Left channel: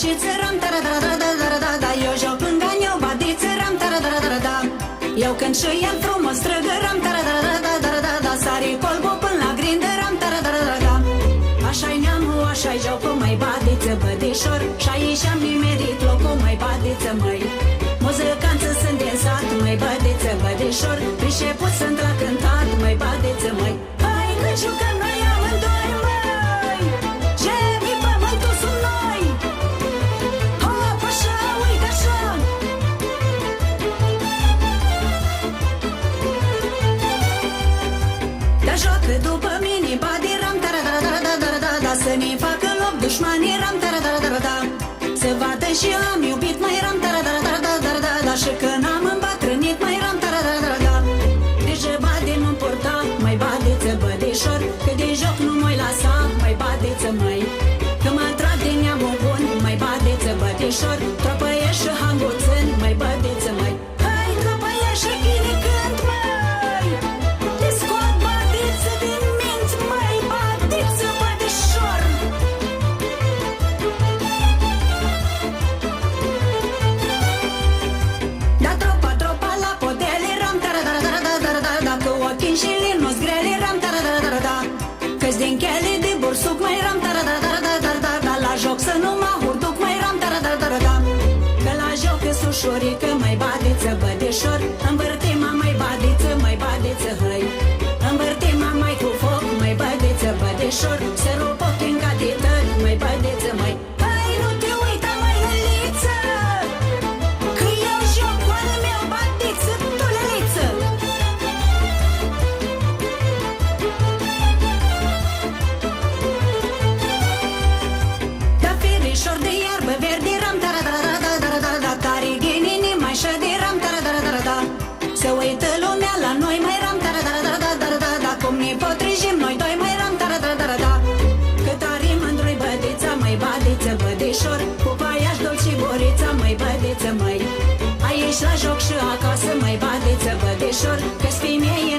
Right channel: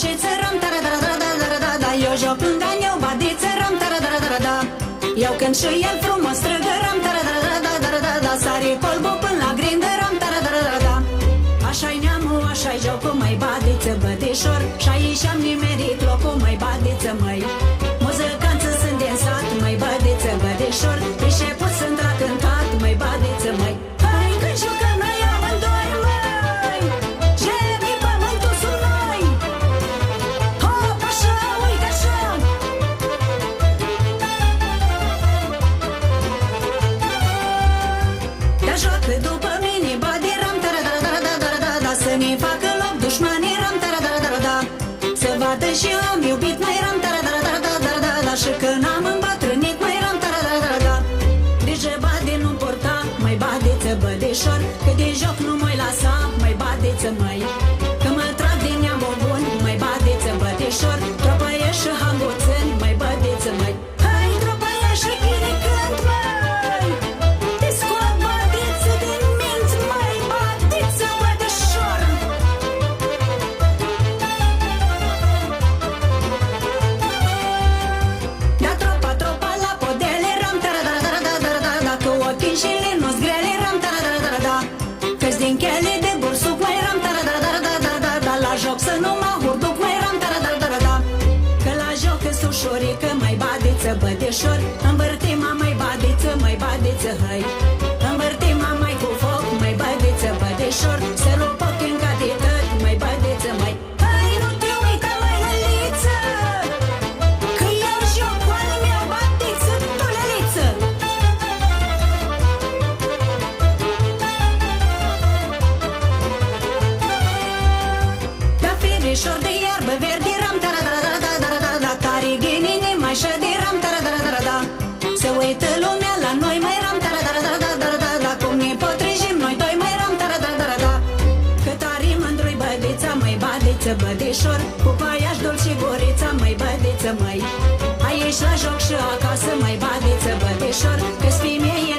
și țăram, da. Eu joc lângă eu, badiță, ram, da. Eu cânt și el frumos, străgăram, da. Sari polbul până la grindă, ram, da. Așa-i neamul, așa-i jocul, măi, badiță, bădișor. Și aici am nimerit locul, măi, badiță, măi. Muzicanță sunt din sat, măi, bădiță, bădișor. Priceput sunt la cântat, măi, badiță, măi. Hai că jucăm noi amândoi, măi. Șefi, pământul sunt noi. Hop, așa, uite așa. Te joacă după mine, badi, ram, da. Să ne facă loc dușmanii, ram, da. Să vadă și eu am iubit, mai ram, da. Și când am îmbătrânit, mai ram, da. Grijă, badi, nu purta, mai badiță, bădișor. Că de joc nu mă-i lăsa, mai badiță, măi. Că mă trag din neamul bun, mai badiță, bădișor. Tropăiești și hanguțân, mai bădiță, măi. Hai, tropăiești și chini cânt, măi. Te scot, badiță, din minți, mai badiță, bădișor. Da, tropa la podele, ram, da. Dacă ochii și linus grele, ram, da. Că-s din chele de bursuc, mai ram, da. La joc să nu mă hurduc, mai ram, da. Că la joc e ușurică, mai badiță, bădișor. Învârtima, mai badiță, mai badiță, hăi. Învârtima, mai cu foc, mai badiță, bădișor. Se rup ochii în catitări, mai badiță, mai. Hai, nu te uita, mai lăliță. Că eu joc cu al meu, badiță, tu lăliță. Da, firișor de iarbă verde, ram, da. Tari ghinini, mai șădi, ram, da. Se uită lumea la noi, mai ram, da. Cum ne potrivim noi doi, mai ram, da. Că tari mândru-i bădița, mai badiță, bădișor. Cu paiaș dolci gurița, mai bădiță, măi. Aici la joc și acasă, mai badiță, bădișor. Că-s fii mie